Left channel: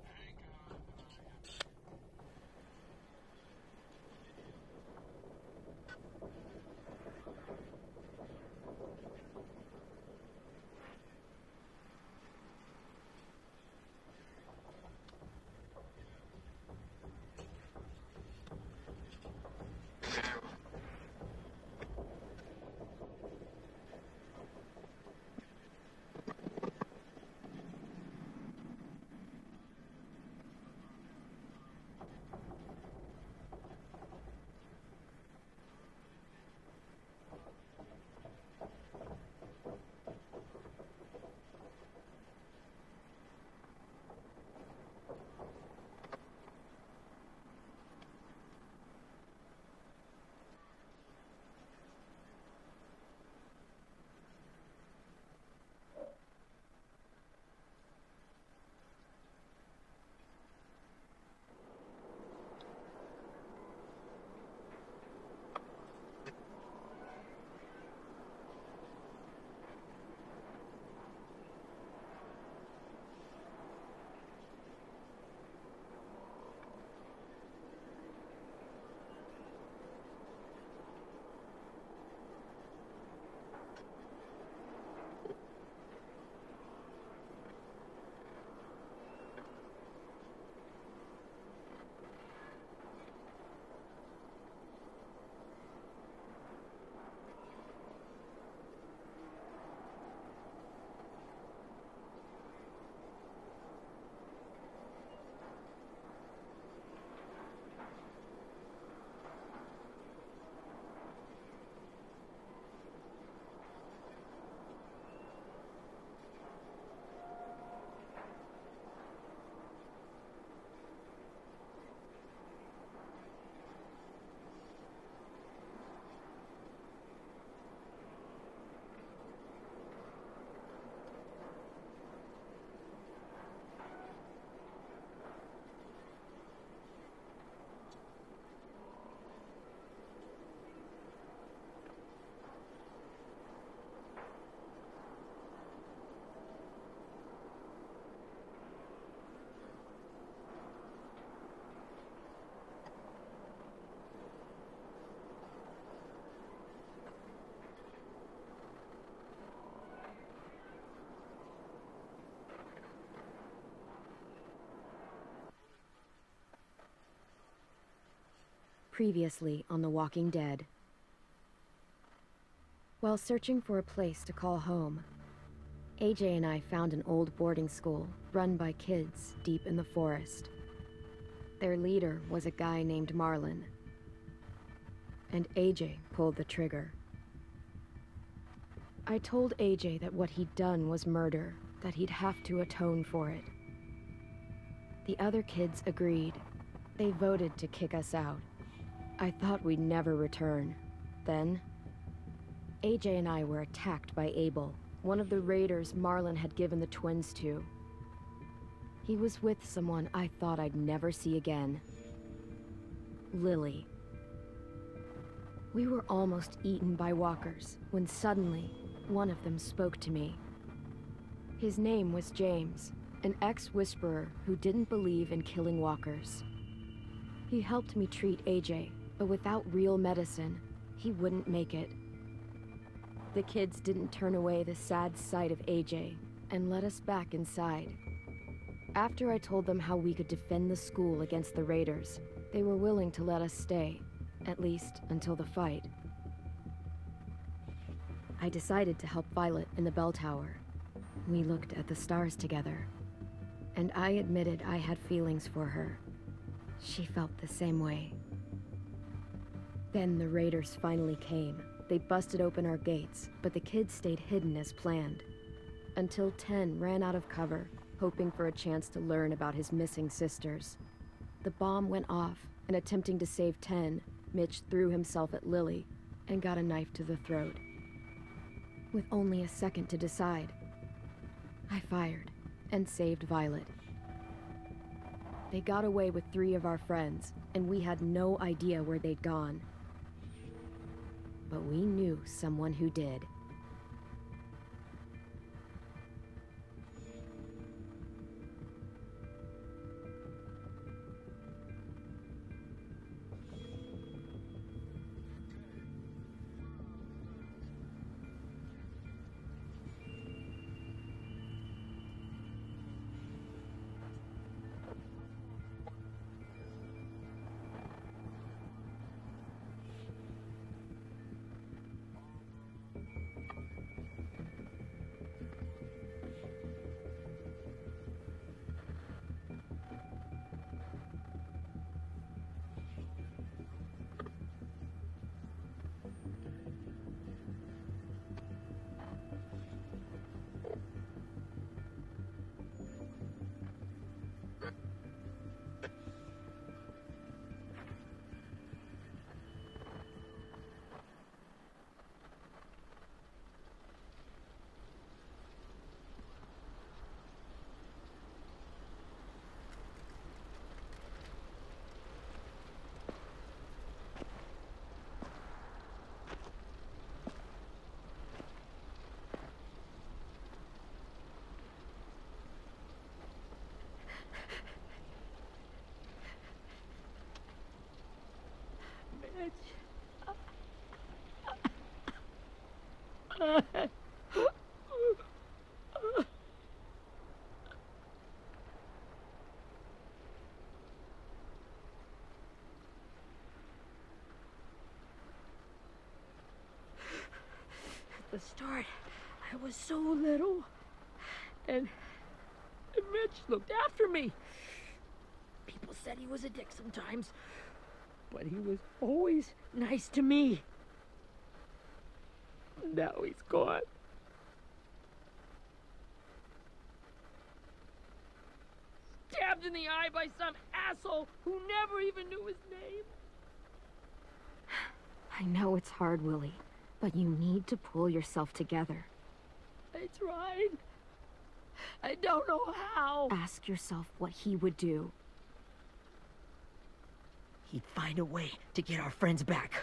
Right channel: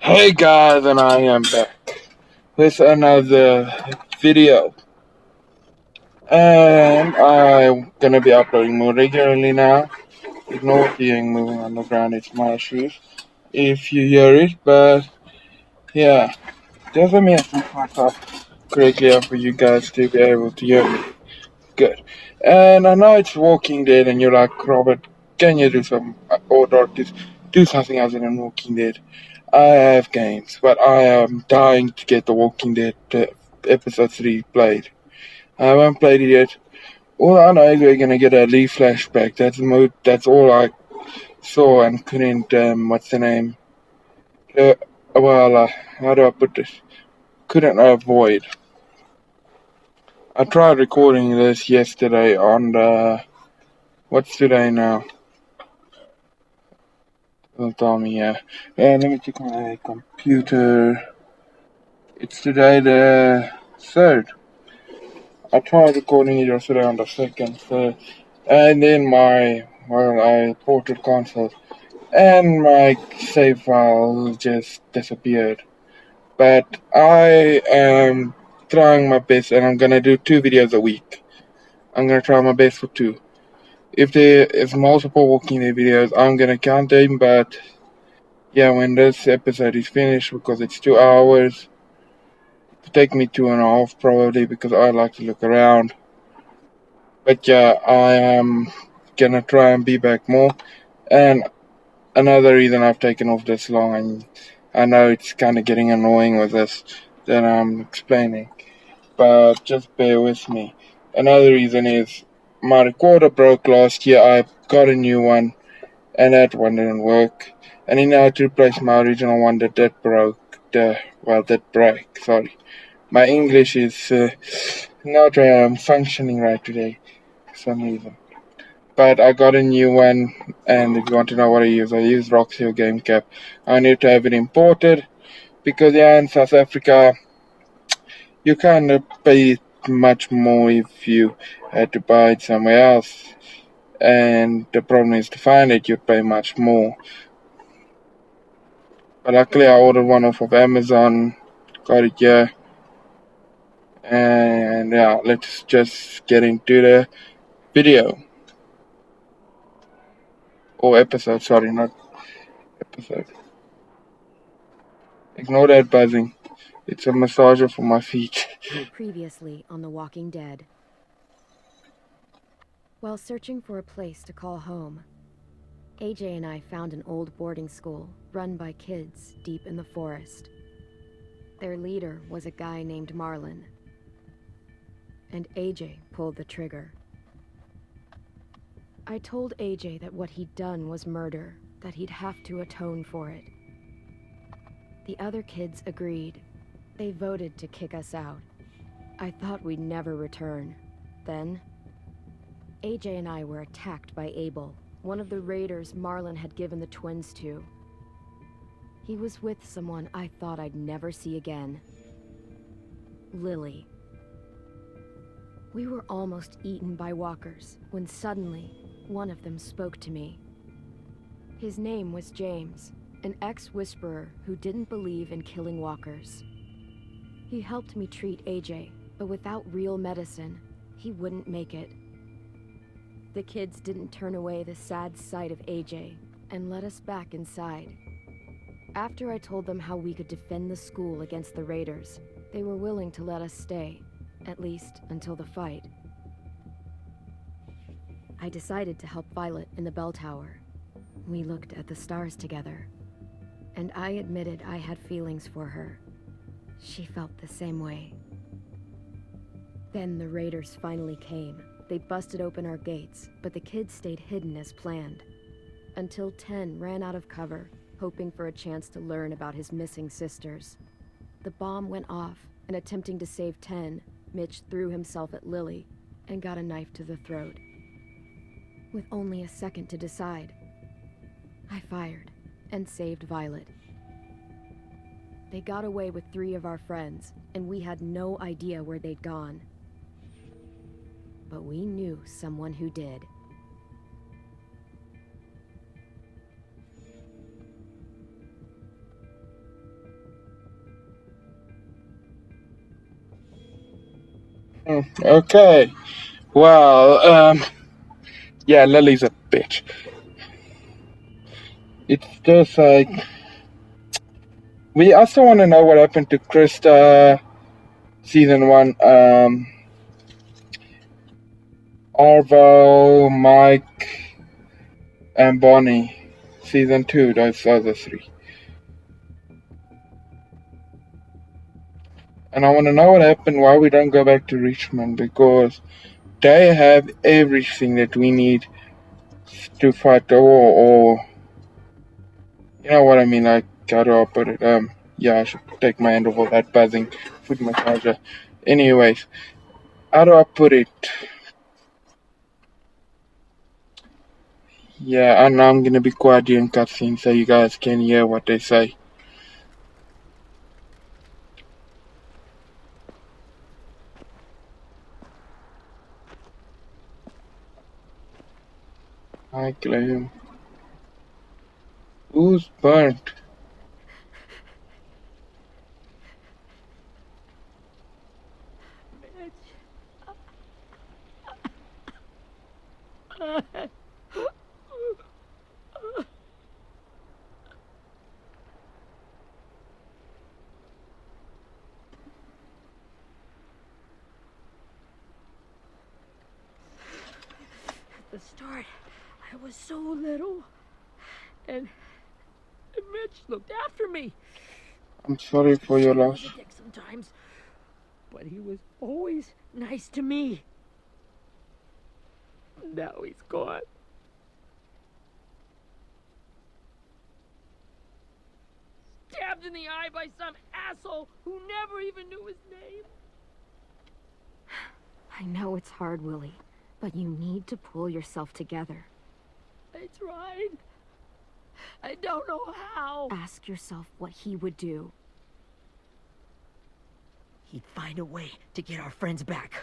Hey guys, and I am back with another video. And I'm gonna be uploading more regularly now. Ignore hearing moving on the ground, it's my shoes if you hear it, but yeah, just let me have to fuck up correctly for you guys to be able to hear me. Good. And I know it's Walking Dead, and you're like, Robert, can you do some, or Dorcas, do something other than Walking Dead? I have games, but I am dying to get The Walking Dead episode 3 played. I haven't played it yet. All I know is we're gonna get a Lee flashback. That's all I saw and couldn't. What's the name? Uh, how do I put this? Couldn't avoid. I tried recording this yesterday on the. What's today now? Don't tell me. Yeah. Let me check my computer. It's today the 3rd. I tried recording it yesterday on the 2nd, and then I ported console, and my save file just disappeared. But I am trying my best, and I'm gonna do 2 videos a week. I'm gonna try my best for 2. If there is multiple Walking Dead videos, I'm gonna count them, but yeah, when this episode is finished, because it's 2 hours, it'll take me 2.5 probably, because I like to look around. But yeah, I am gonna try and be back more. And another reason I've taken off this long, and I know it's kind of getting annoying with this that I'm explaining, but just bear with me. Another reason is my recorder broke last year. I got a new one, and that one didn't work. And then I had to replace my original one that did broke. That break. Sorry, my English is not functioning right today for some reason. But I got a new one, and if you want to know what I use Roxio Game Cap. I need to have it imported because yeah, in South Africa you can't pay much more if you had to buy it somewhere else. And the problem is to find it, you'd pay much more. But luckily, I ordered one off of Amazon, got it here, and yeah, let's just get into the video or episode. Sorry, not episode. Ignore that buzzing. It's a massager for my feet. Previously on The Walking Dead. While searching for a place to call home, AJ and I found an old boarding school run by kids deep in the forest. Their leader was a guy named Marlon, and AJ pulled the trigger. I told AJ that what he'd done was murder, that he'd have to atone for it. The other kids agreed. They voted to kick us out. I thought we'd never return. Then, AJ and I were attacked by Abel, one of the raiders Marlon had given the twins to. He was with someone I thought I'd never see again. Lily. We were almost eaten by walkers when suddenly one of them spoke to me. His name was James, an ex-whisperer who didn't believe in killing walkers. He helped me treat AJ, but without real medicine, he wouldn't make it. The kids didn't turn away the sad sight of AJ and let us back inside. After I told them how we could defend the school against the raiders, they were willing to let us stay, at least until the fight. I decided to help Violet in the bell tower. We looked at the stars together, and I admitted I had feelings for her. She felt the same way. Then the raiders finally came. They busted open our gates, but the kids stayed hidden as planned. Until Ten ran out of cover, hoping for a chance to learn about his missing sisters. The bomb went off, and attempting to save Ten, Mitch threw himself at Lily and got a knife to the throat. With only a second to decide, I fired and saved Violet. They got away with 3 of our friends, and we had no idea where they'd gone. But we knew someone who did. Okay. Well, yeah, Lily's a bitch. It's just like we also want to know what happened to Krista, season 1. Arvo, Mike, and Bonnie, season 2. Those other 3. And I want to know what happened. Why we don't go back to Richmond, because they have everything that we need to fight the war, or you know what I mean. Like, how do I put it? Yeah, I should take my hand off of that buzzing foot massager. Anyways, how do I put it? Yeah, and I'm gonna be quiet during cutscenes so you guys can hear what they say. Hi, Clem. Who's burnt? At the start, I was so little, and Mitch looked after me. I'm sorry for your He loss. was a dick sometimes, but he was always nice to me. Now he's gone. Stabbed in the eye by some asshole who never even knew his name. I know it's hard, Willie, but you need to pull yourself together. I tried. I don't know how. Ask yourself what he would do. He'd find a way to get our friends back.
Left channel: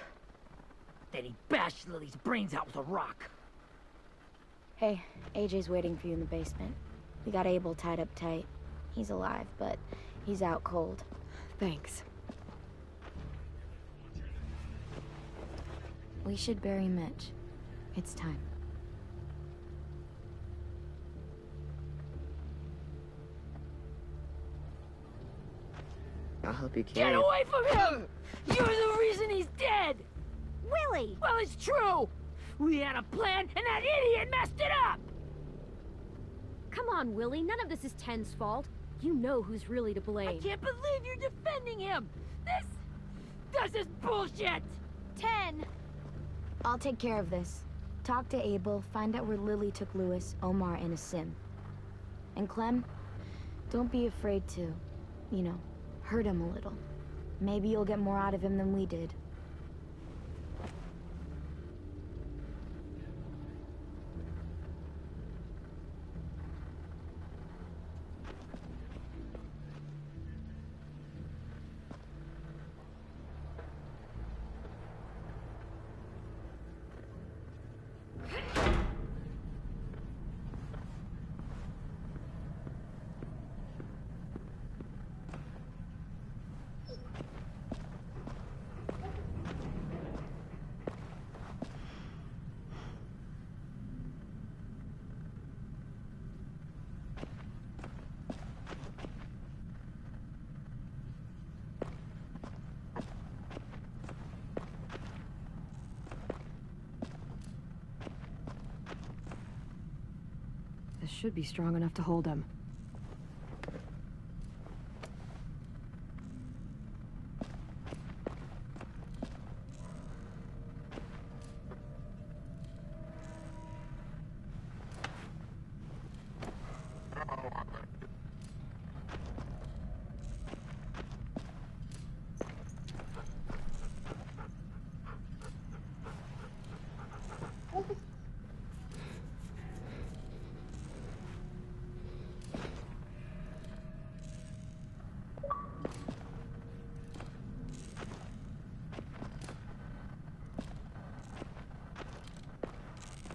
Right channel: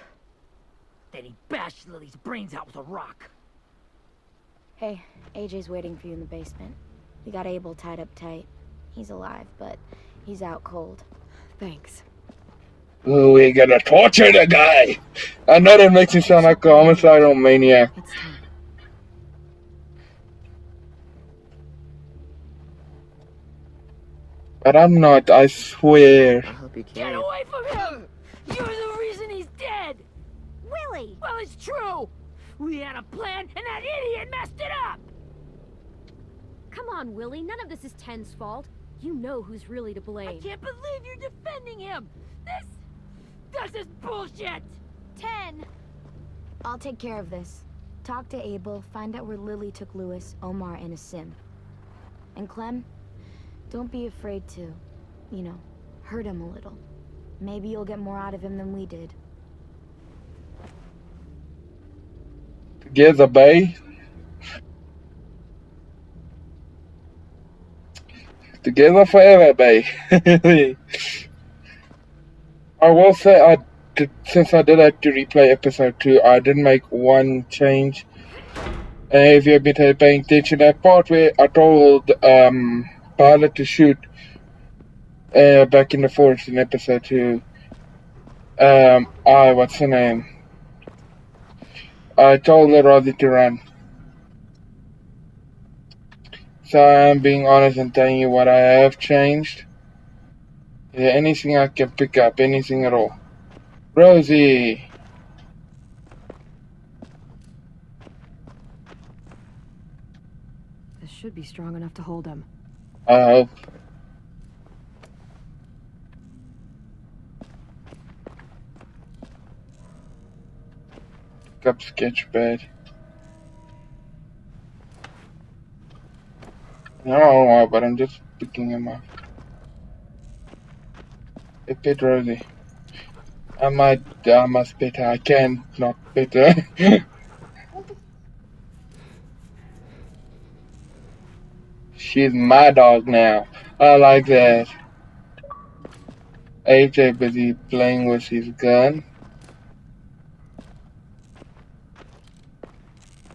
Then he'd bash Lily's brains out with a rock. Hey, AJ's waiting for you in the basement. We got Abel tied up tight. He's alive, but he's out cold. Thanks. Ooh, we're gonna torture the guy! I know that makes him sound like a homicidal maniac. It's time. But I'm not, I swear. I'll help you Get carry it. away from him! You're the reason he's dead! Willie! Well, it's true! We had a plan, and that idiot messed it up! Come on, Willie. None of this is Ten's fault. You know who's really to I blame. can't believe you're defending him! This is bullshit! 10! I'll take care of this. Talk to Abel, find out where Lily took Lewis, Omar, and a sim. And Clem, don't be afraid to, you know, hurt him a little. Maybe you'll get more out of him than we did. Together, bae. Together forever, bae. I will say, since I did have to replay episode 2, I did make one change. If you've been paying attention, that part where I told Pilot to shoot back in the forest in episode 2. What's her name? I told her rather to run. So I'm being honest and telling you what I have changed. Is there anything I can pick up? Anything at all? Rosie! This should be strong enough to hold him. I hope. Pick up Sketchpad. I don't know why, but I'm just picking him up. Hey, pet Rosie. I must pet her. I can't not pet her. She's my dog now. I like that. AJ busy playing with his gun.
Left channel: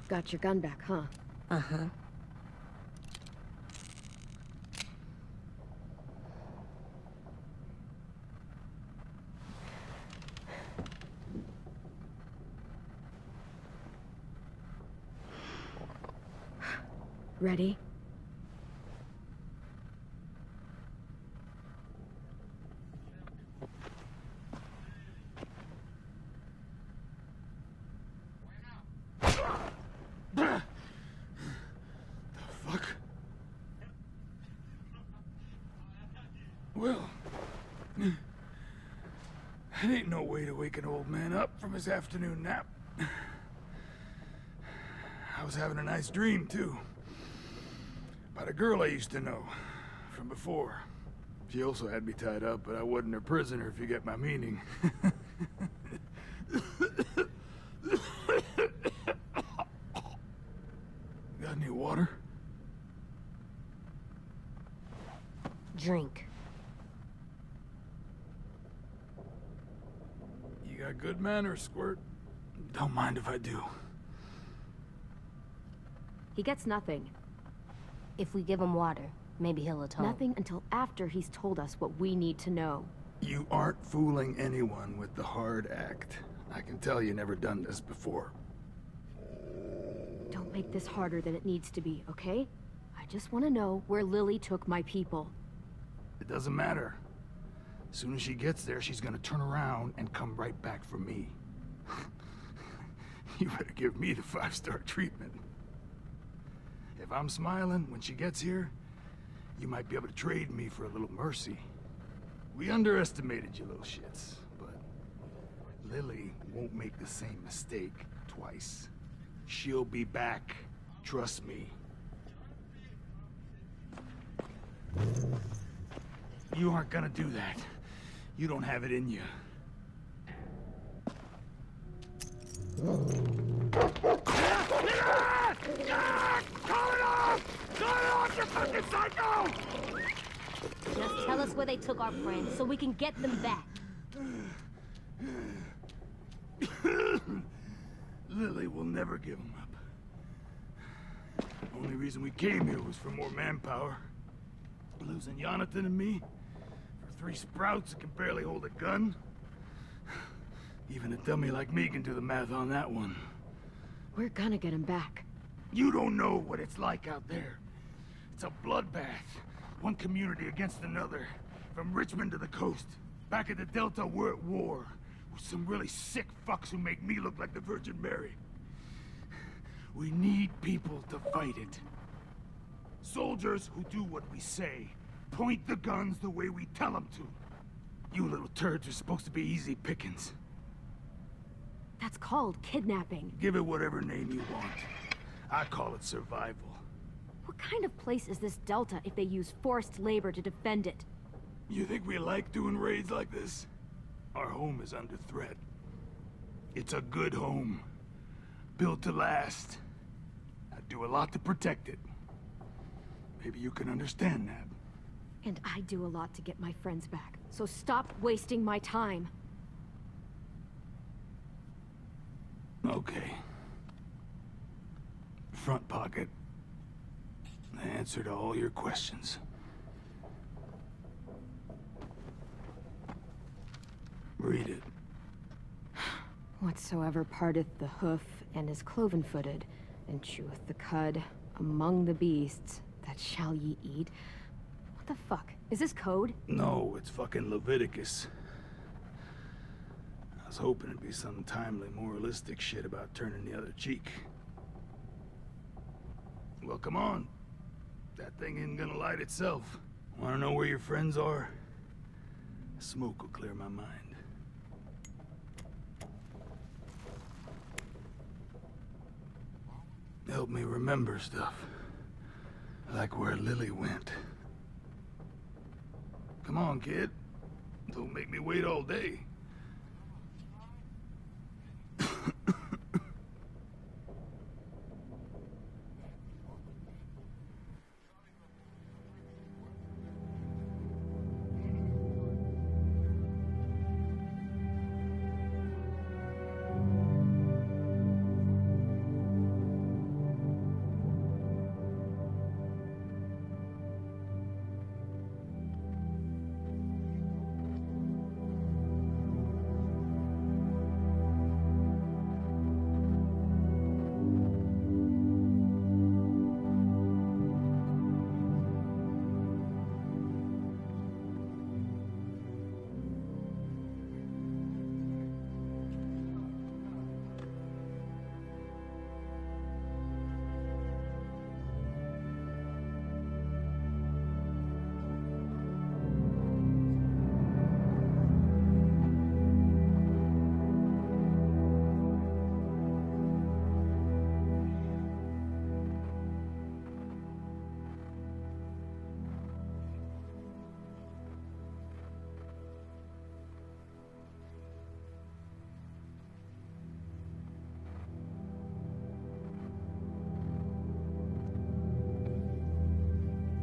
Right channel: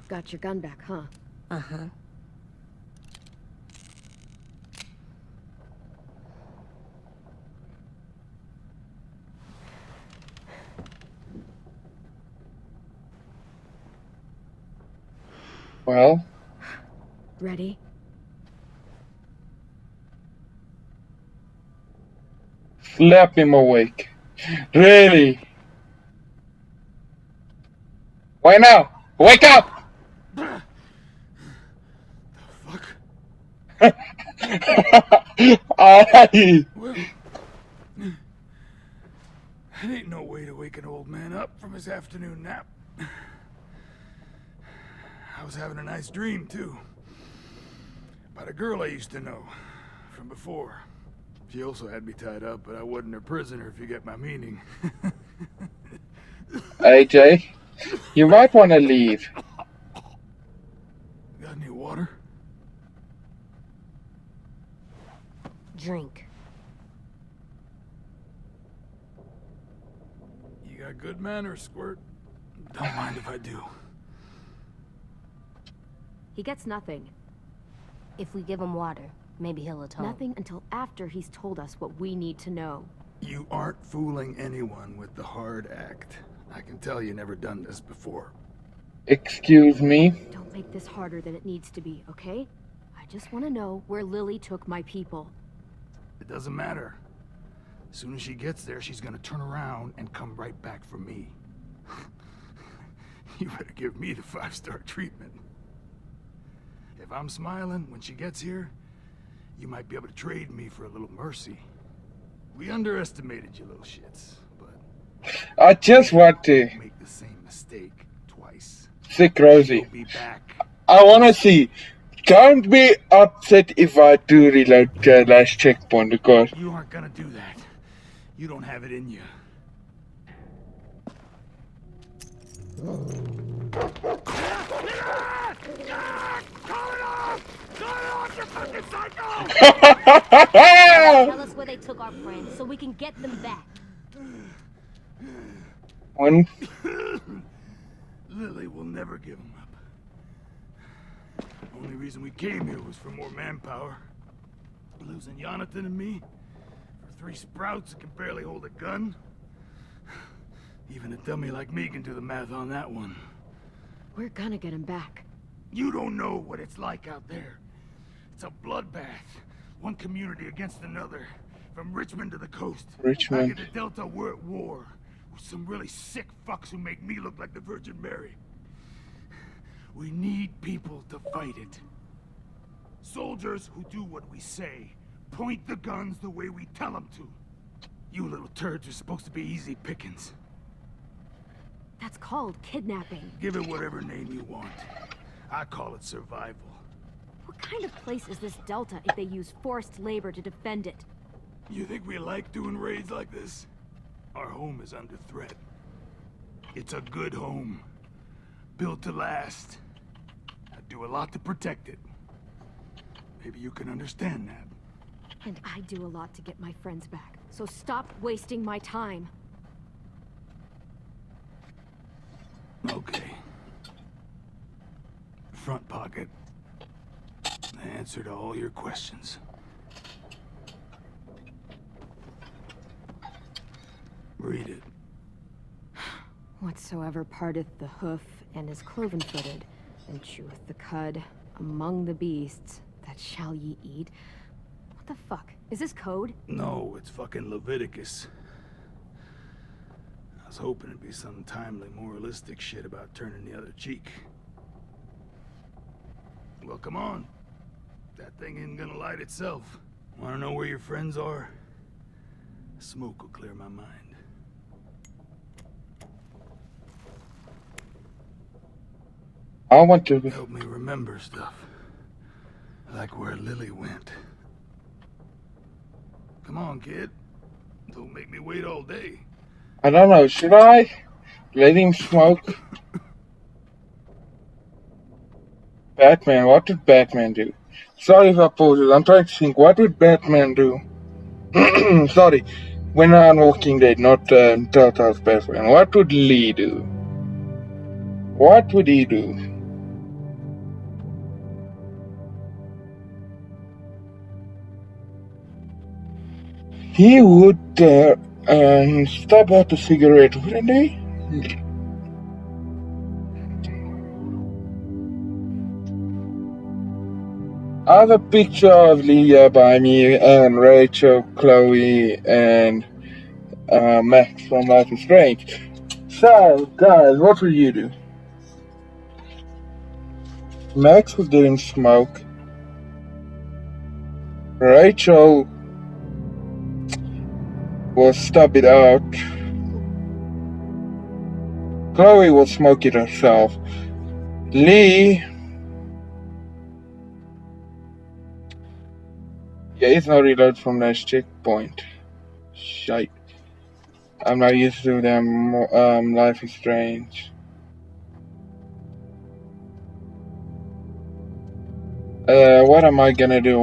Got your gun back, huh? Uh-huh. Well, Ready? slap him awake. Really? Why now? Wake up! Fuck. Aye. Well, that ain't no way to wake an old man up from his afternoon nap. I was having a nice dream, too. About a girl I used to know from before. She also had me tied up, but I wasn't her prisoner, if you get my meaning. AJ, you might want to leave. Got any water? Drink. You got good manners, Squirt. Don't mind if I do. He gets nothing. If we give him water, maybe he'll atone. Nothing until after he's told us what we need to know. You aren't fooling anyone with the hard act. I can tell you never done this before. Excuse me? Don't make this harder than it needs to be, okay? I just want to know where Lily took my people. It doesn't matter. As soon as she gets there, she's gonna turn around and come right back for me. You better give me the 5-star treatment. If I'm smiling when she gets here, you might be able to trade me for a little mercy. We underestimated you little shits, but I just want to make the same mistake twice. sick Rosie. She'll be back. I want to see. Don't be upset if I do reload the last checkpoint because You aren't gonna do that. You don't have it in you. Tell us where they took our friends so we can get them back. when Lily will never give him up. Only reason we came here was for more manpower. Losing Jonathan and me for 3 sprouts that can barely hold a gun. Even a dummy like me can do the math on that one. We're gonna get him back. You don't know what it's like out there. It's a bloodbath. One community against another. From Richmond to the coast. Richmond. Back at the Delta, we're at war. With some really sick fucks who make me look like the Virgin Mary. We need people to fight it. Soldiers who do what we say. Point the guns the way we tell them to. You little turds are supposed to be easy pickings. That's called kidnapping. Give it whatever name you want. I call it survival. What kind of place is this Delta if they use forced labor to defend it? You think we like doing raids like this? Our home is under threat. It's a good home. Built to last. I'd do a lot to protect it. Maybe you can understand that. And I do a lot to get my friends back. So stop wasting my time. Okay. Front pocket. The answer to all your questions. Read it. Whatsoever parteth the hoof and is cloven-footed, and cheweth the cud among the beasts, that shall ye eat. What the fuck? Is this code? No, it's fucking Leviticus. I was hoping it'd be some timely, moralistic shit about turning the other cheek. Well, come on. That thing ain't gonna light itself. Wanna know where your friends are? Smoke will clear my mind. I want to. Help me remember stuff. Like where Lily went. Come on, kid. Don't make me wait all day. I don't know. Should I let him smoke? Batman. What did Batman do? Sorry if I pause it. I'm trying to think. What would Batman do? Sorry. When I'm Walking Dead, not Telltale's Batman. What would Lee do? What would he do? He would stop out the cigarette, wouldn't he? I have a picture of Leah by me and Rachel, Chloe, and Max from Life is Strange. So, guys, what will you do? Max was getting smoke. Rachel was stub it out. Chloe will smoke it herself. Lee, yeah, it's no reload from that checkpoint. Shite. I'm not used to them. Life is Strange. What am I gonna do?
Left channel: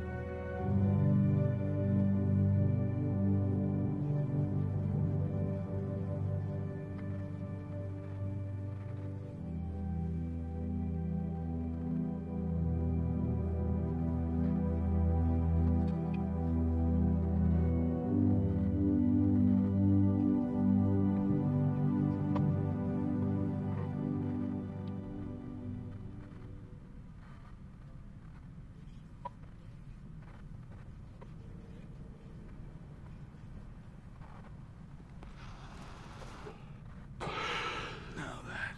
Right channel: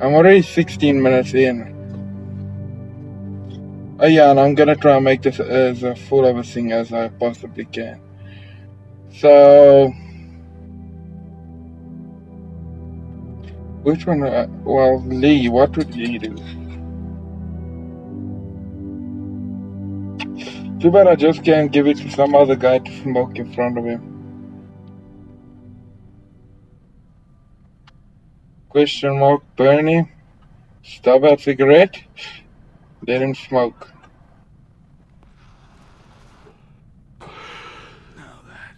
I'm already 16 minutes in. Oh yeah, and I'm gonna try and make this as full of a thing as I possibly can. So, which one? Well, Lee, what would Lee do? Too bad I just can't give it to some other guy to smoke in front of him. Question mark, Bernie. Stub out cigarette. Let him smoke. Now that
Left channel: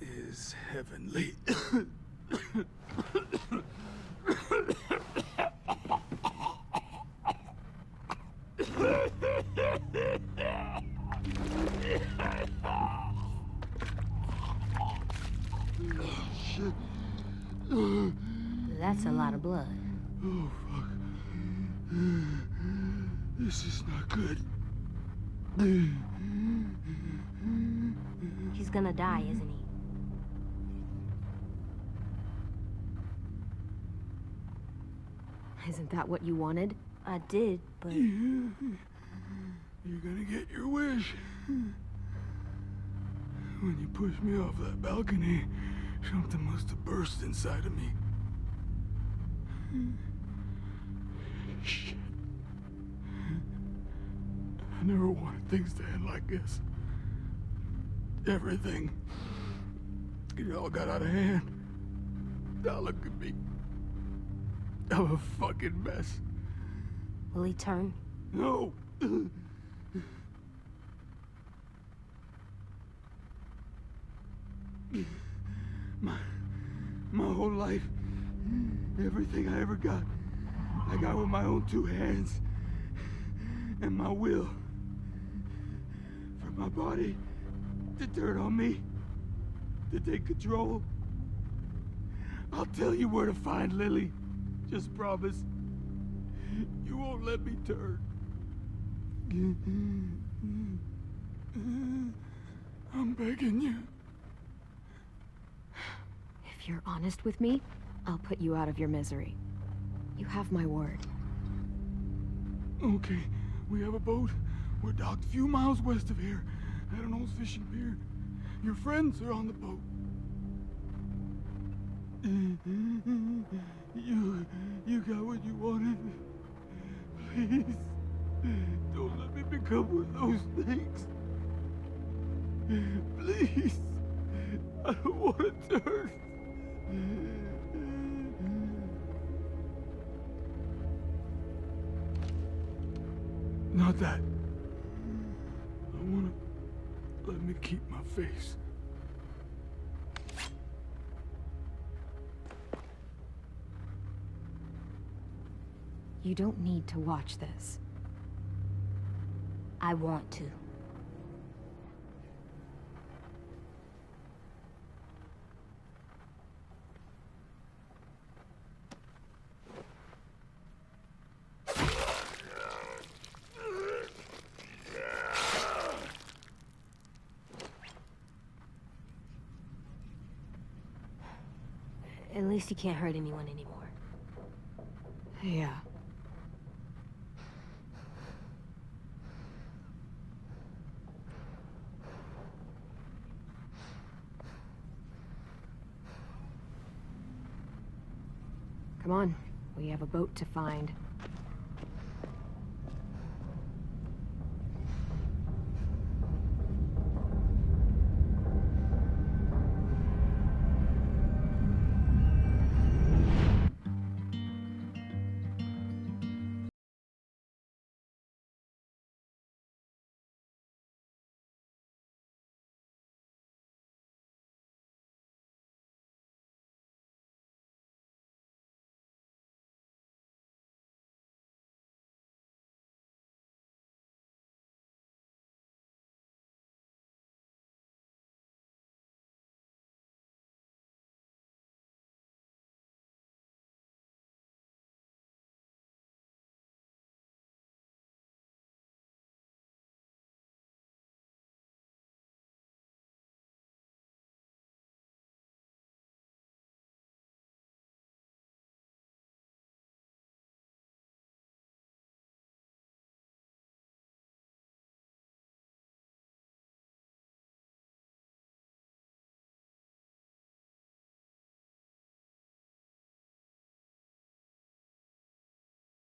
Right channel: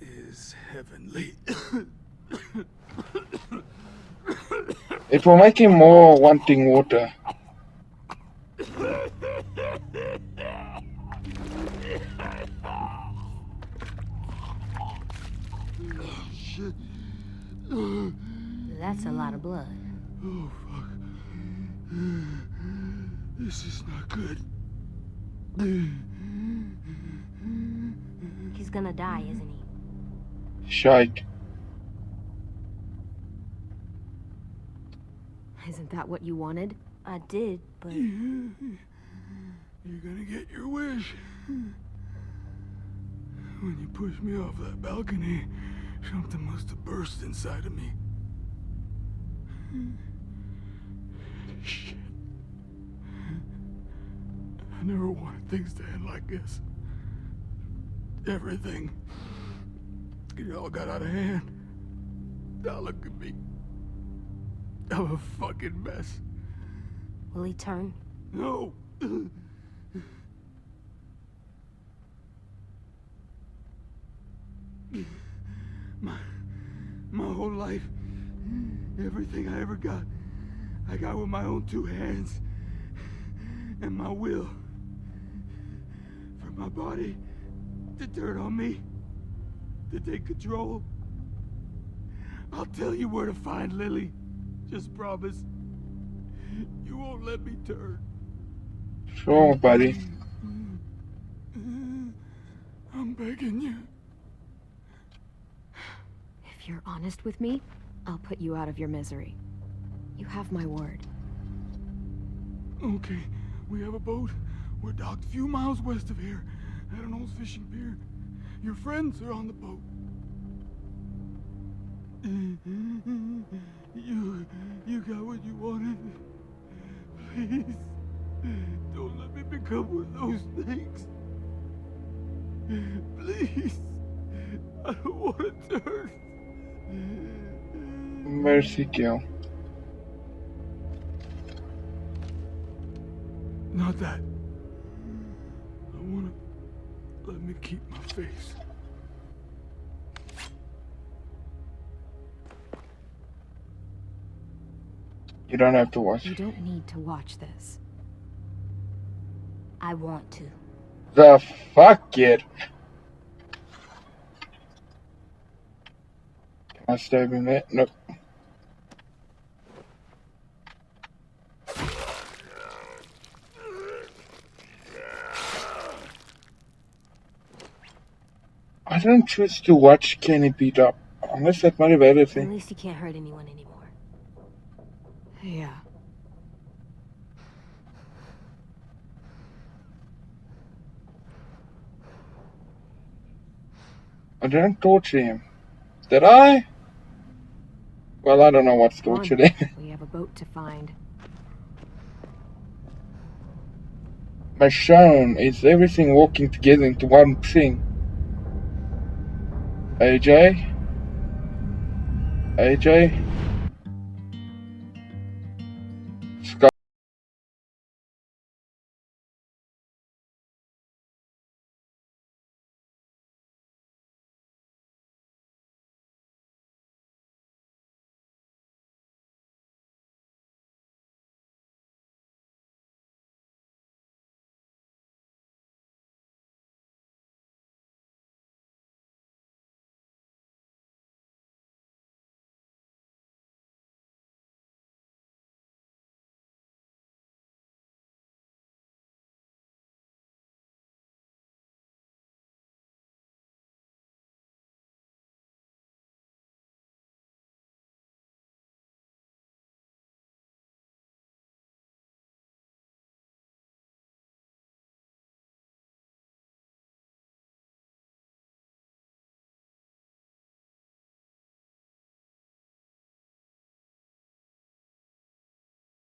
is heavenly. It will make him more wanting water. Shit. That's a lot of blood. Oh, fuck. This is not good. He's gonna die, isn't he? Shite. Isn't that what you wanted? I did, but... You're gonna get your wish. When you pushed me off that balcony, something must have burst inside of me. Shit. I never wanted things to end like this. Everything. It all got out of hand. Now look at me. I'm a fucking mess. Will he turn? No. My whole life, everything I ever got, I got with my own two hands and my will. For my body to turn on me, to take control. I'll tell you where to find Lily. Just promise. You won't let me turn. Sure, buddy. I'm begging you. If you're honest with me, I'll put you out of your misery. You have my word. Okay, we have a boat. We're docked a few miles west of here, at an old fishing pier. Your friends are on the boat. You got what you wanted. Please, don't let me become one of those things. Please, I don't want to turn. Mercy kill. Not that. I want to let me keep my face. You don't have to watch. You don't need to watch this. I want to. The fuck, kid? Can I stab him there? Nope. I don't choose to watch Kenny beat up. Unless that motivated At thing. least he can't hurt anyone anymore. Yeah. I didn't torture him. Did I? Well, I don't know what's Come on. torturing. We have a boat to find. Michonne, is everything working together into one thing? AJ? AJ? Scott?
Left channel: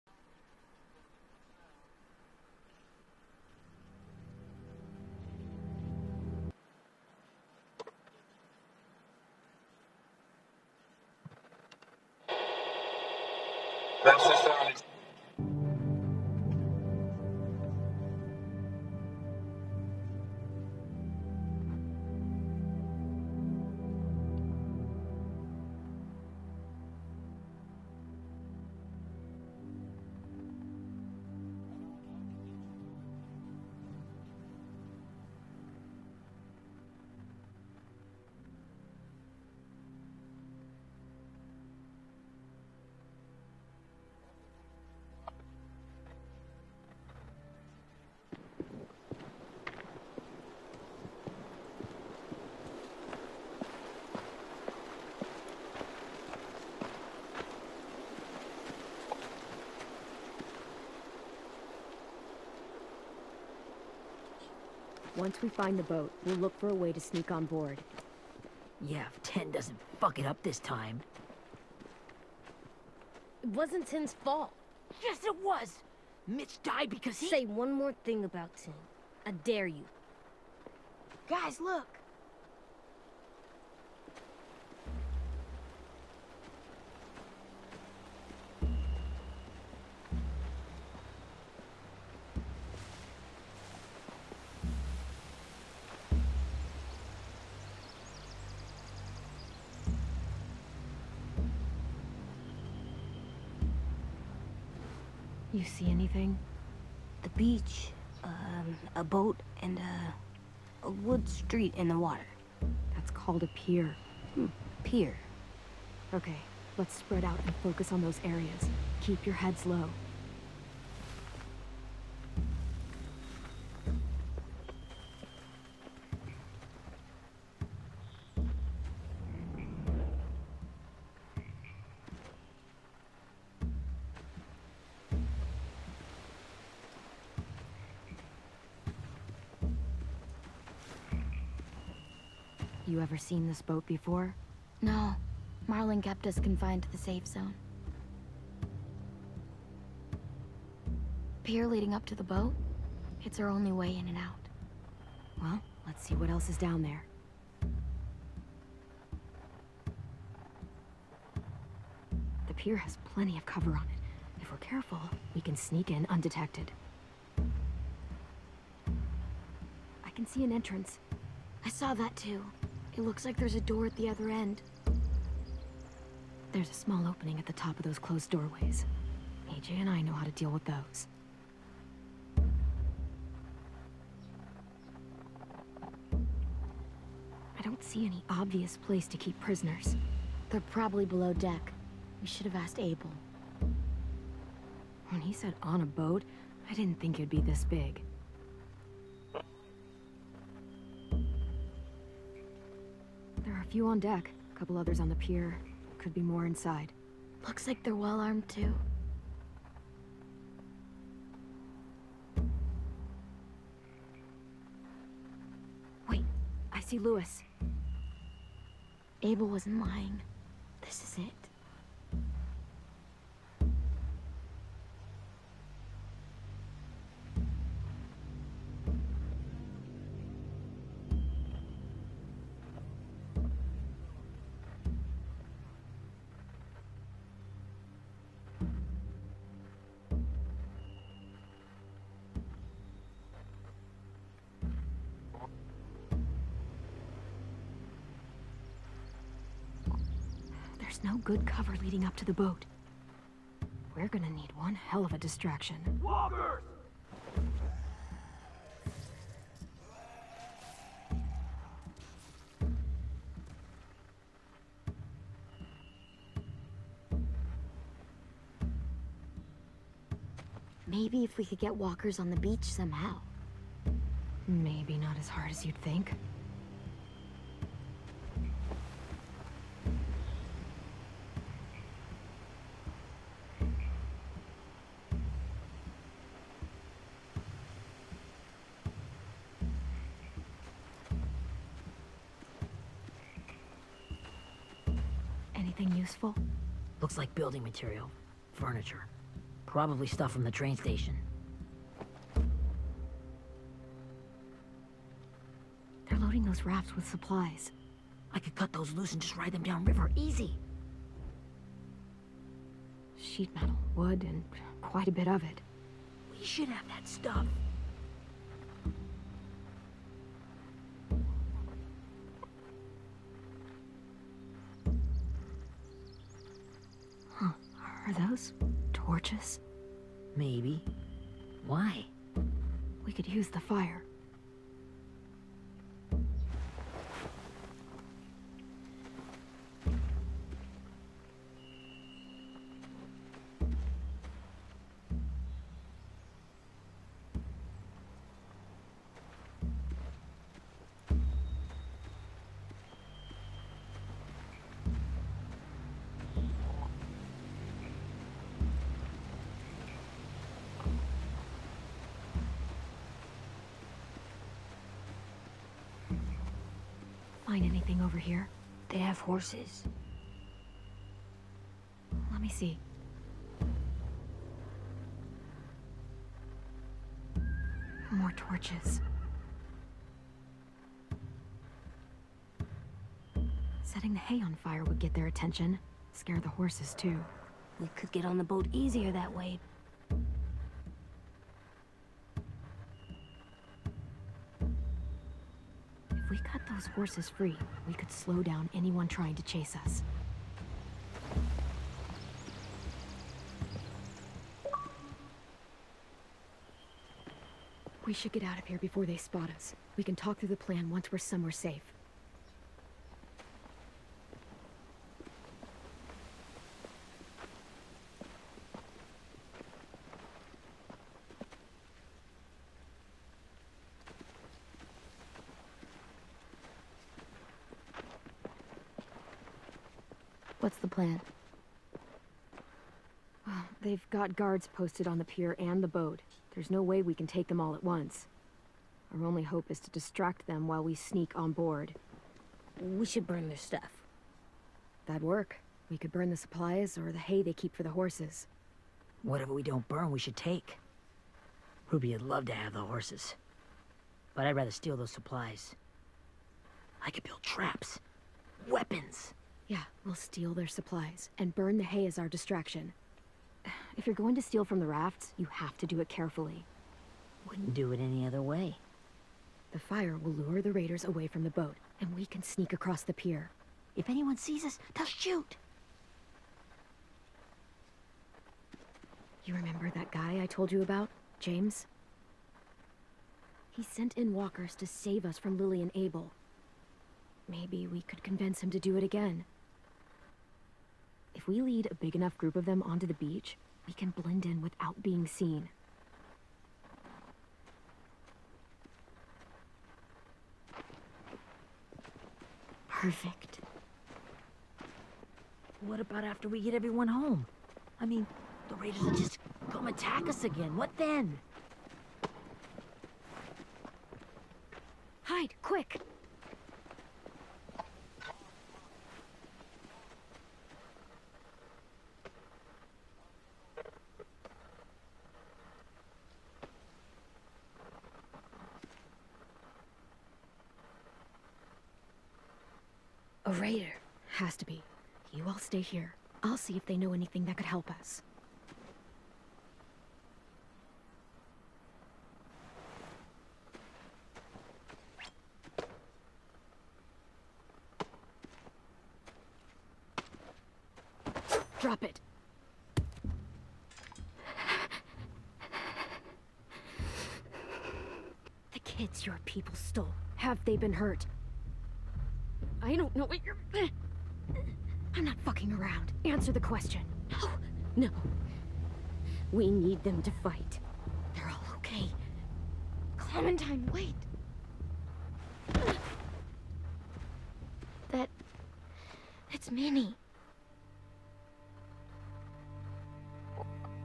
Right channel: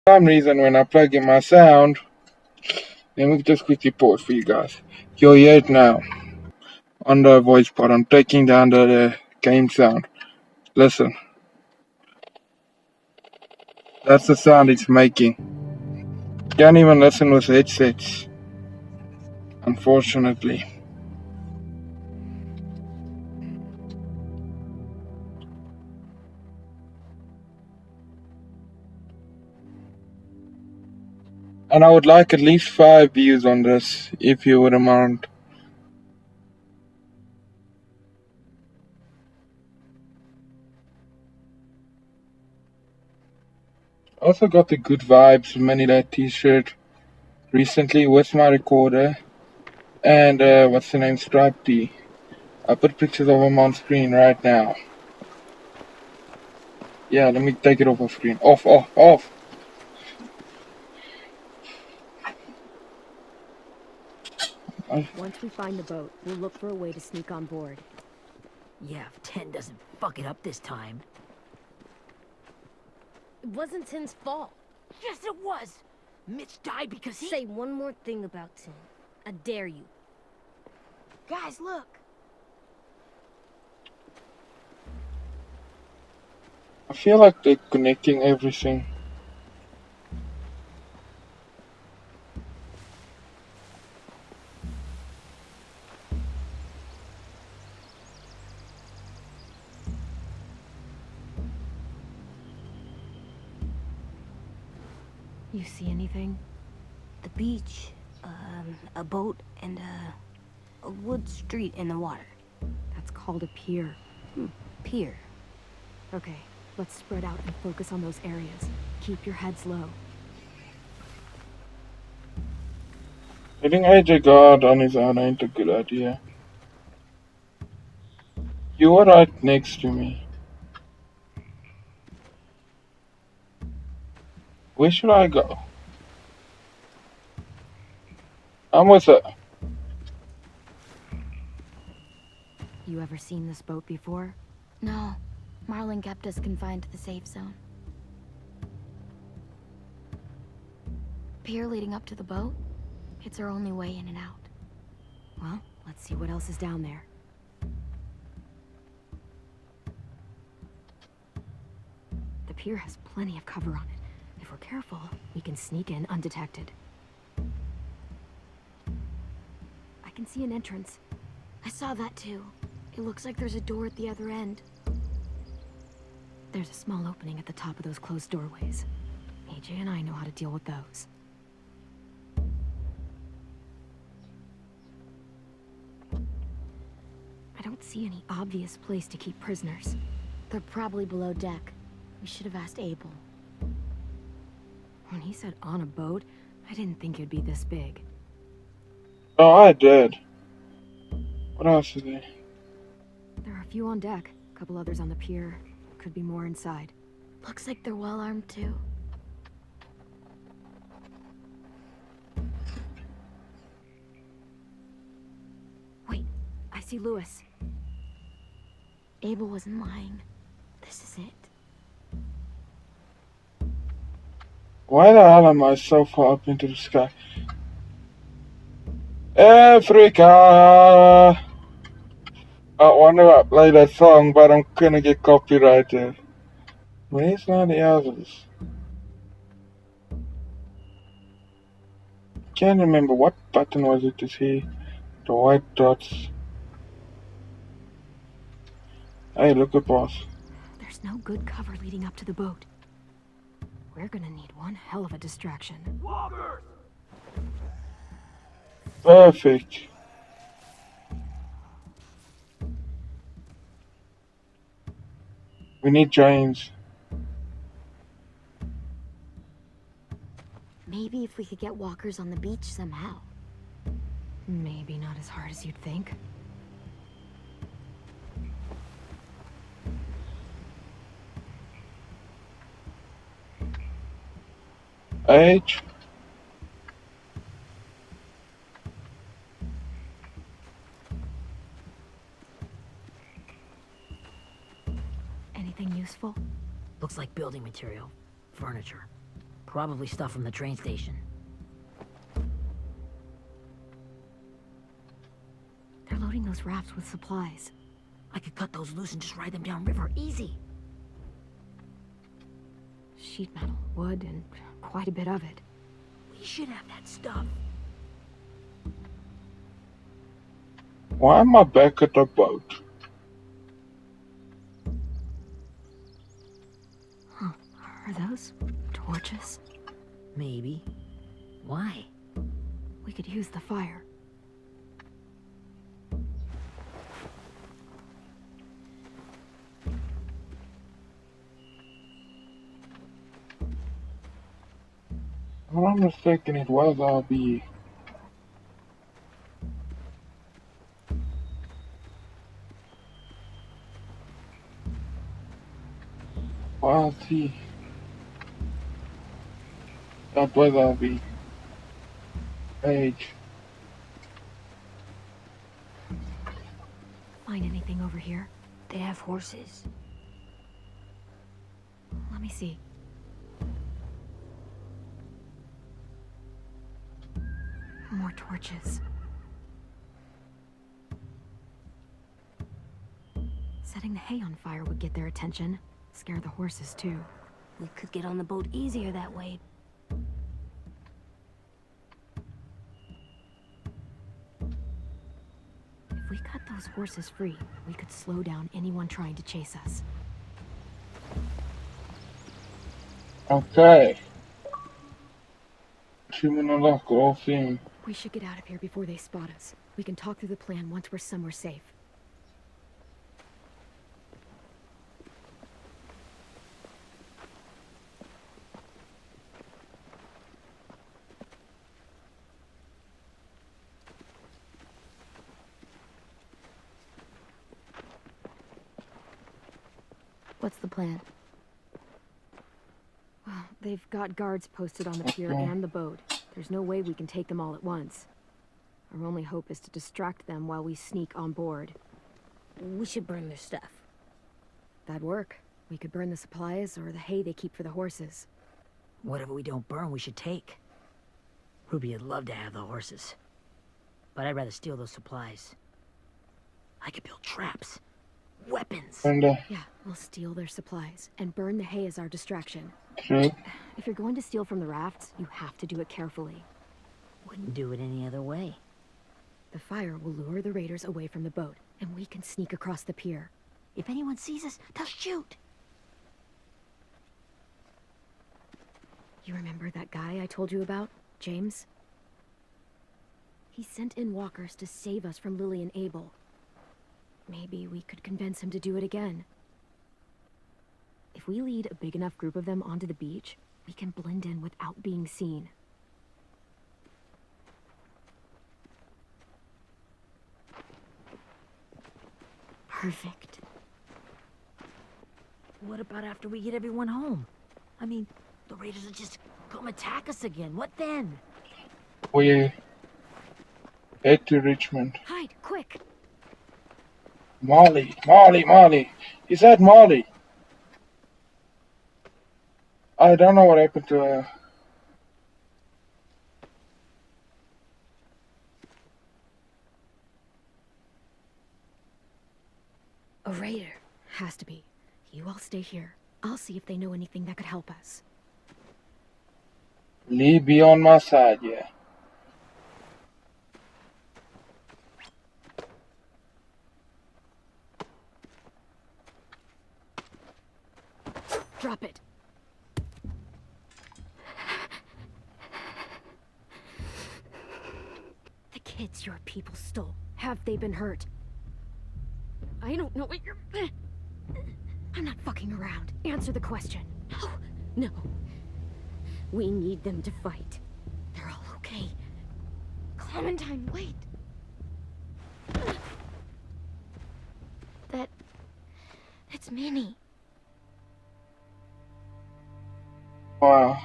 For some reason, when I plug in my sound, let me just quickly pause for you guys. You'll hear it now on the voice pod. I'm taking down the game sound. Listen. That's the sound it's making. Can't even listen with headsets, unfortunately. And I would like at least 5 views on this, if you wouldn't mind. Also got the Good Vibes Manila t-shirt recently with my recorder. And what's the name? Stripe tee. I put pictures of them on screen right now. Yeah, let me take it off the screen. Off. Once we find the boat, we'll look for a way to sneak on board. Yeah, if 10 doesn't fuck it up this time. It wasn't Tin's fault. Yes, it was! Mitch died because he... Say one more thing about Tin. I dare you. Guys, look! I feel like they're connecting everything. You see anything? The beach, a boat, and a wood street in the water. That's called a pier. Pier. Okay, let's spread out and focus on those areas. Keep your heads low. Hitting AJ guard on his own ain't a good idea. You were right next to me. Where should I go? I'm with her. You ever seen this boat before? No, Marlin kept us confined to the safe zone. Pier leading up to the boat? It's our only way in and out. Well, let's see what else is down there. The pier has plenty of cover on it. If we're careful, we can sneak in undetected. I can see an entrance. I saw that too. It looks like there's a door at the other end. There's a small opening at the top of those closed doorways. AJ and I know how to deal with those. I don't see any obvious place to keep prisoners. They're probably below deck. We should have asked Abel. When he said on a boat, I didn't think it'd be this big. Oh, I did. What else is there? There are a few on deck, a couple others on the pier. Could be more inside. Looks like they're well armed too. Wait, I see Lewis. Abel wasn't lying. This is it. Why the hell am I so far up into the sky? Africa! I wonder I play that song, but I'm gonna get copyrighted. Where's now the others? Can't remember what button was it to see the white dots. Hey, look at boss. There's no good cover leading up to the boat. We're gonna need one hell of a distraction. Walkers! Perfect. We need James. Maybe if we could get walkers on the beach somehow. Maybe not as hard as you'd think. H. Anything useful? Looks like building material. Furniture. Probably stuff from the train station. They're loading those rafts with supplies. I could cut those loose and just ride them downriver. Easy. Sheet metal, wood, and quite a bit of it. We should have that stuff. Why am I back at the boat? Are those torches? Maybe. Why? We could use the fire. If I'm not mistaken, it was RB. Wild T. That was RB. H. Find anything over here? They have horses. Let me see. More torches. Setting the hay on fire would get their attention. Scare the horses, too. We could get on the boat easier that way. If we cut those horses free, we could slow down anyone trying to chase us. Okay. Human unlock all thing. We should get out of here before they spot us. We can talk through the plan once we're somewhere safe. What's the plan? Well, they've got guards posted on the pier and the boat. There's no way we can take them all at once. Our only hope is to distract them while we sneak on board. We should burn their stuff. That'd work. We could burn the supplies or the hay they keep for the horses. Whatever we don't burn, we should take. Ruby would love to have the horses. But I'd rather steal those supplies. I could build traps. Weapons. And Yeah, we'll steal their supplies and burn the hay as our distraction. true. If you're going to steal from the rafts, you have to do it carefully. Wouldn't do it any other way. The fire will lure the raiders away from the boat, and we can sneak across the pier. If anyone sees us, they'll shoot. You remember that guy I told you about? James? He sent in walkers to save us from Lily and Abel. Maybe we could convince him to do it again. If we lead a big enough group of them onto the beach, we can blend in without being seen. Perfect. What about after we get everyone home? I mean, the raiders will just come attack us again. What then? We head to Richmond. Hide, quick! Molly, Molly, Molly. Is that Molly? I don't know what happened to her. A raider. Has to be. You all stay here. I'll see if they know anything that could help us. Lee, be on my side, yeah. Drop it. The kids your people stole. Have they been hurt? I don't know what you're... I'm not fucking around. Answer the question. No. No. We need them to fight. They're all okay. Clementine, wait. That's Minnie. Wow.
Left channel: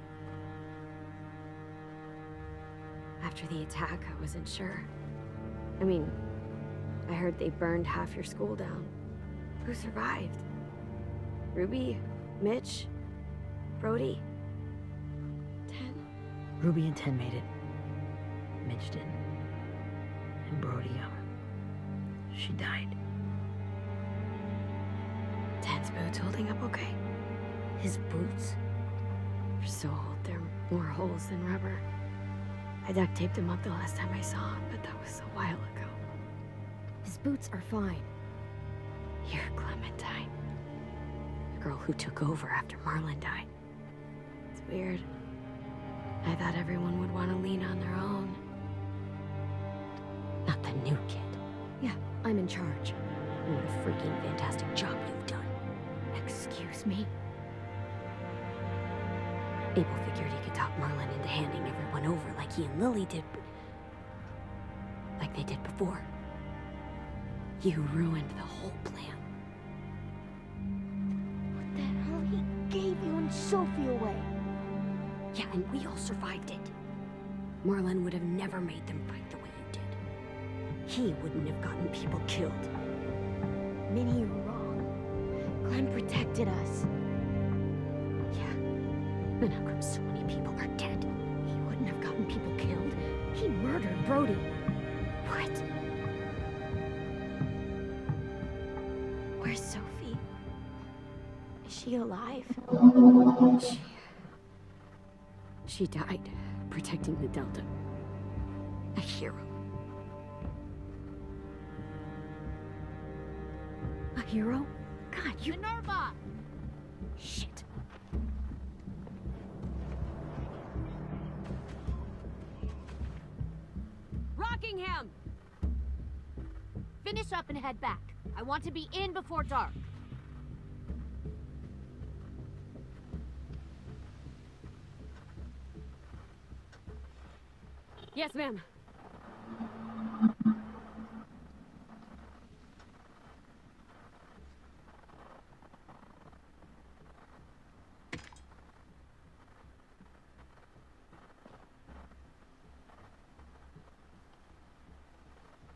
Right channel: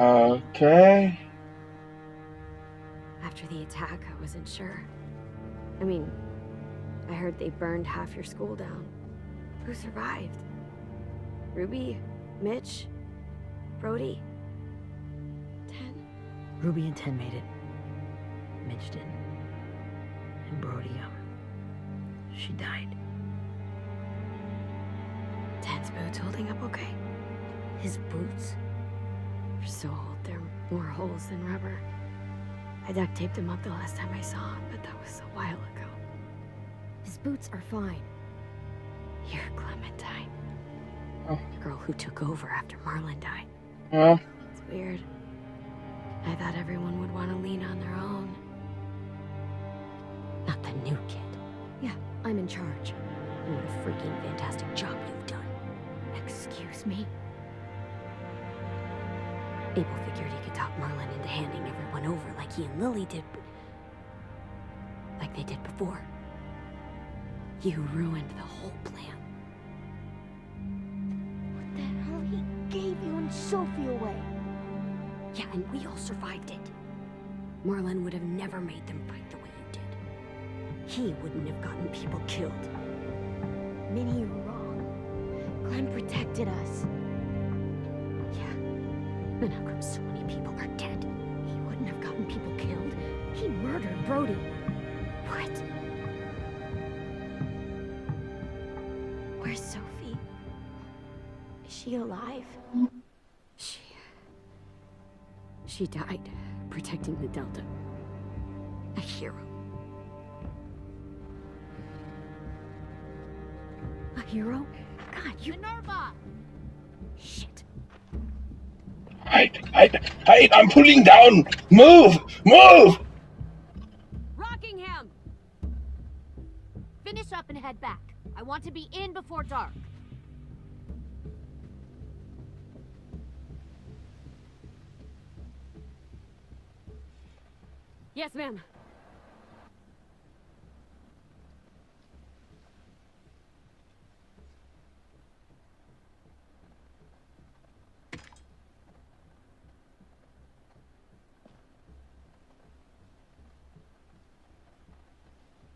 Okay. After the attack, I wasn't sure. I mean, I heard they burned half your school down. Who survived? Ruby? Mitch? Brody? Ten? Ruby and Ten made it. Mitch didn't. And Brody, she died. Ten's boots holding up okay? His boots? They're so old, there are more holes than rubber. I duct taped him up the last time I saw him, but that was a while ago. His boots are fine. You're Clementine. Oh. The girl who took over after Marlon died. Yeah. It's weird. I thought everyone would want to lean on their own. Not the new kid. Yeah, I'm in charge. And what a freaking fantastic job you've done. Excuse me? Abel figured he could talk Marlon into handing everyone over like he and Lily did, but... like they did before. You ruined the whole plan. What the hell? He gave you and Sophie away. Yeah, and we all survived it. Marlon would have never made them fight the way you did. He wouldn't have gotten people killed. Minnie, you're wrong. Glenn protected us. Yeah. And how come so many people are dead? He wouldn't have gotten people killed. He murdered Brody. What? Where's Sophie? Is she alive? She died protecting the Delta. A hero. A hero? God, you... Minerva! Shit. Hide, I'm pulling down! Move! Rockingham! Finish up and head back. I want to be in before dark. Yes, ma'am.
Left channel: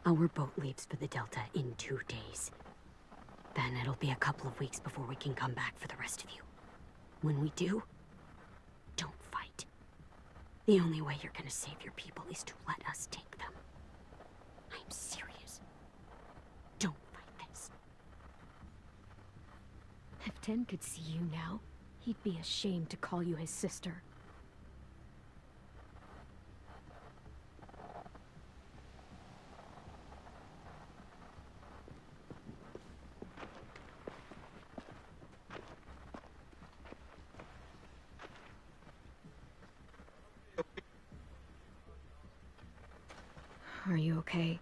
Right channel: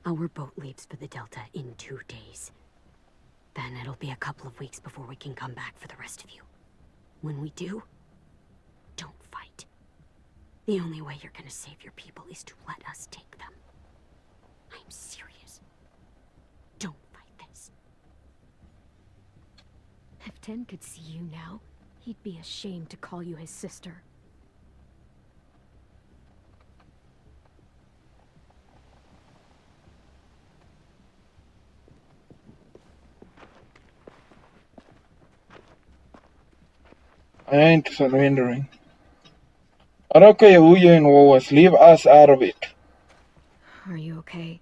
Our boat leaves for the Delta in 2 days. Then it'll be a couple of weeks before we can come back for the rest of you. When we do, don't fight. The only way you're gonna save your people is to let us take them. I'm serious. Don't fight this. If Ten could see you now, he'd be ashamed to call you his sister. I ain't surrendering. Araka ya huye and Wawas, leave us out of it. Are you okay?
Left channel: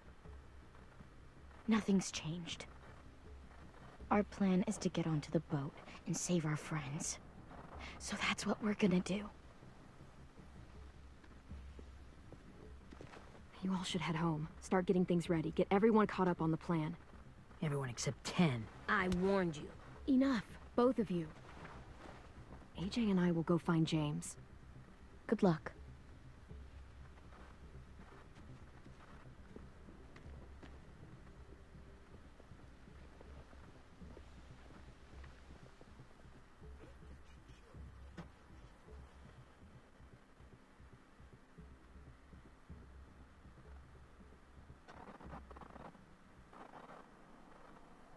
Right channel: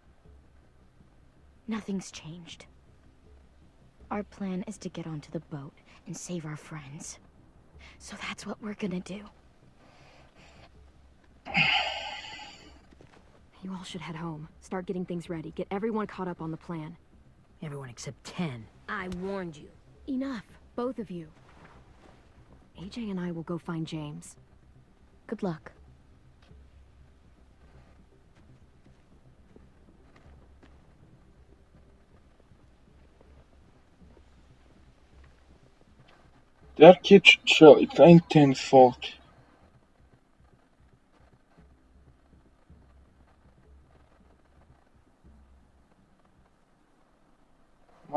Nothing's changed. Our plan is to get onto the boat and save our friends. So that's what we're gonna do. You all should head home. Start getting things ready. Get everyone caught up on the plan. Everyone except 10. I warned you. Enough, both of you. AJ and I will go find James. Good luck. That kid should chill. It ain't Ten's fault.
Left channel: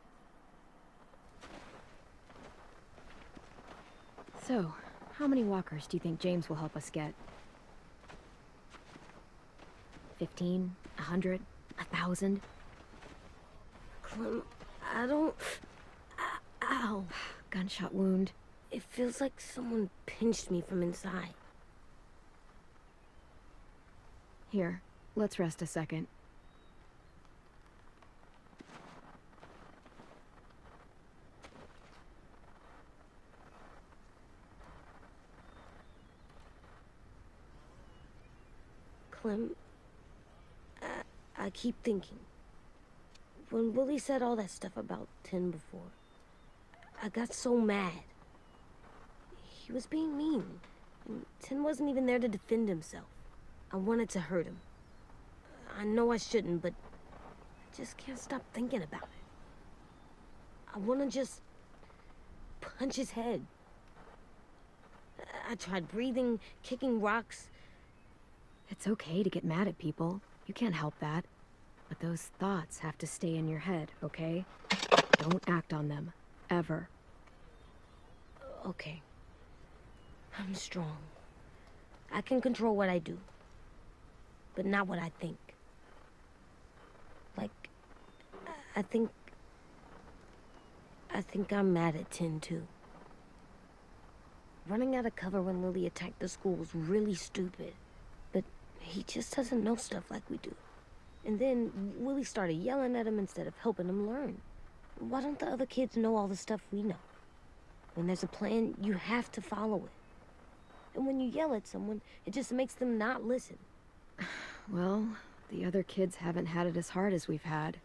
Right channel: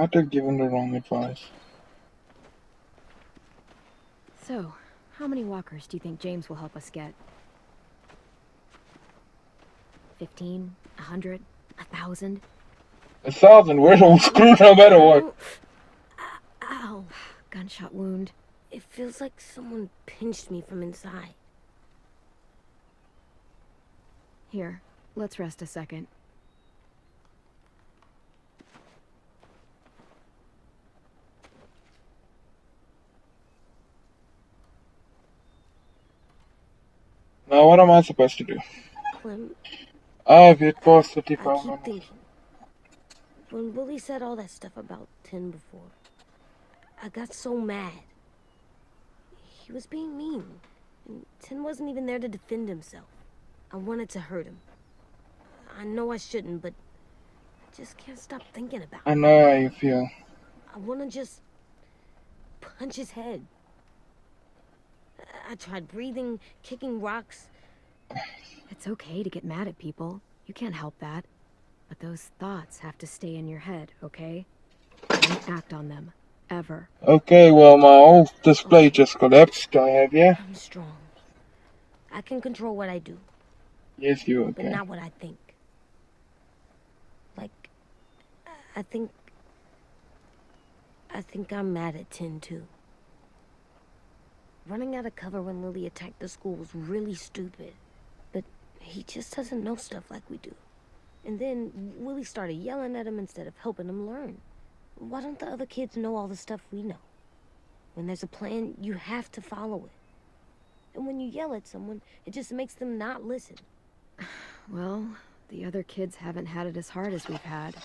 might have given the wrong advice. So, how many walkers do you think James will help us get? 15? 100? 1,000? 1,000, we're all screwed no matter what. Ow. Gunshot wound. It feels like someone pinched me from inside. Here, let's rest a second. Now what am I supposed to do? Clem, I've hit past I 35 keep thinking. When Willie said all that stuff about Tin before, I got so mad. He was being mean, and Tin wasn't even there to defend himself. I wanted to hurt him. I know I shouldn't, but I just can't stop thinking about it. I know how you feel. I want to just punch his head. I tried breathing, kicking rocks. It's okay to get mad at people. You can't help that. But those thoughts have to stay in your head, okay? Don't act on them. Ever. Okay, well, my whole display just collapsed. I have, yeah? I'm strong. I can control what I do, Yes, you but okay. not what I think. Like, I think I'm mad at Tin, too. Running out of cover when Lily attacked the school was really stupid. But he just doesn't know stuff like we do. And then Willie started yelling at him instead of helping him learn. Why don't the other kids know all the stuff we know? When there's a plan, you have to follow it. And when you yell at someone, it just makes them not listen. Well, the other kids haven't had it as hard as we've had.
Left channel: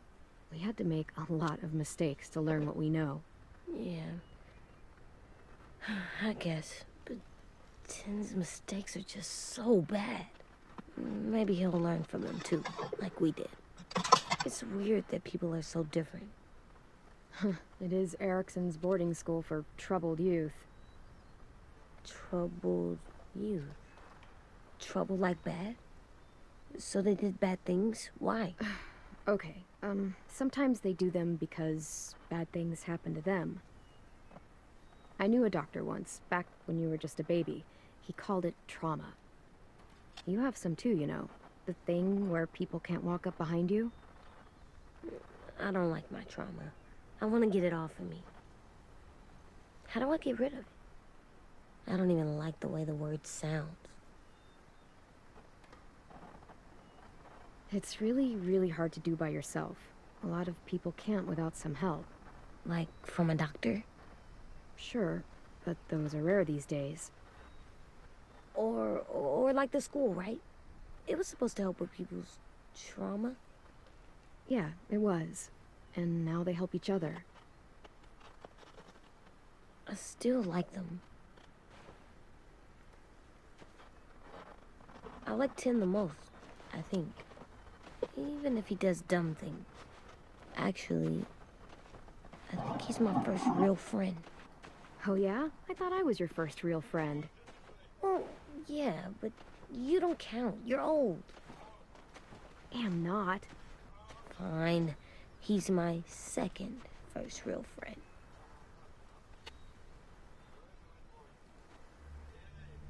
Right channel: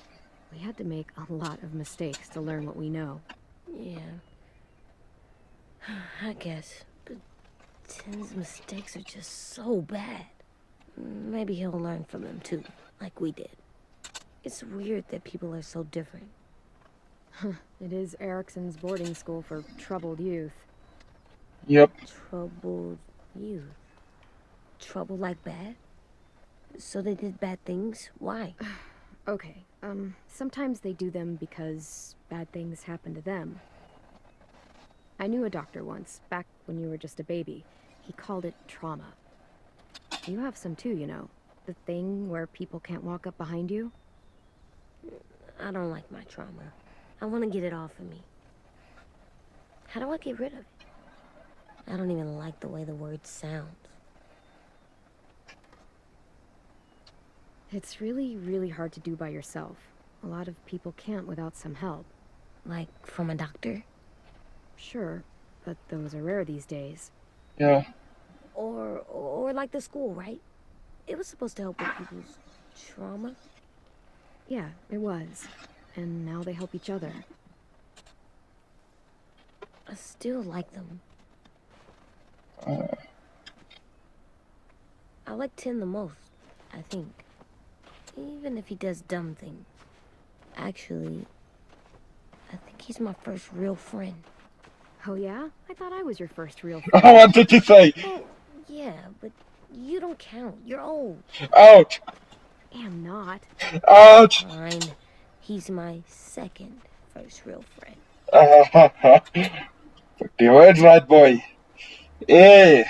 We had to make a lot of mistakes to learn what we know. Yeah. I guess. But Tin's mistakes are just so bad. Maybe he'll learn from them too, like we did. It's weird that people are so different. It is Erickson's boarding school for troubled youth. Yep. Troubled youth. Trouble like bad? So they did bad things? Why? Okay, sometimes they do them because bad things happen to them. I knew a doctor once, back when you were just a baby. He called it trauma. You have some too, you know. The thing where people can't walk up behind you. I don't like my trauma. I want to get it off of me. How do I get rid of it? I don't even like the way the word sounds. It's really, really hard to do by yourself. A lot of people can't without some help. Like, from a doctor? Sure, but those are rare these days. Yeah. Or like the school, right? It was supposed to help with people's trauma. Yeah, it was. And now they help each other. I still like them. I like Tin the most, I think. Even if he does dumb things. Actually, I think he's my first real friend. Oh yeah? I thought I was your first real What friend. did you say? Well, yeah, but you don't count. You're old. Ouch! Am not. Ouch! Fine. He's my second first real friend. Put the words right, boy. Yeah.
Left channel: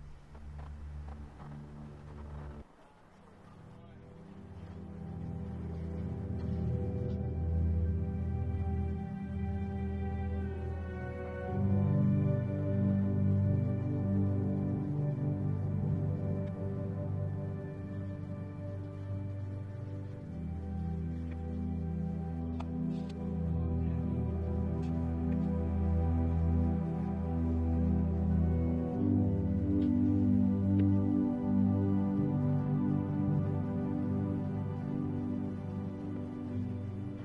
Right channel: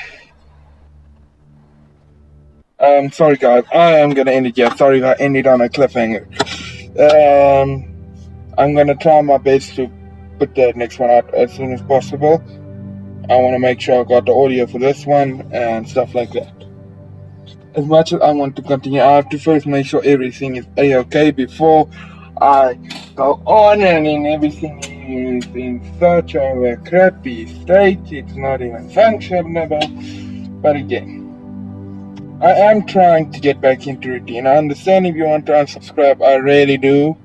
Sorry guys, I am gonna end it here. Sorry if I ended on a cliffhanger. I'm gonna try my best to put the next one out as soon as possible. I want to make sure I got the audio for this one and stuff like that. As much as I want to continue, I have to first make sure everything is a-okay before I go on, and then everything is in such a crappy state, it's not even functionable. But again, I am trying to get back into routine. I understand if you want to unsubscribe, I really do.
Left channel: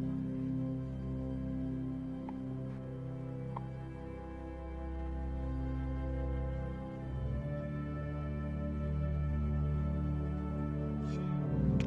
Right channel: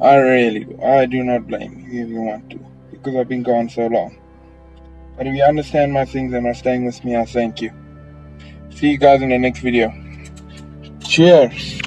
I really do. I do not blame you if you want to, because I've been gone so long. But if you understand my things and are staying with me, I thank you. See you guys in the next video. Cheers.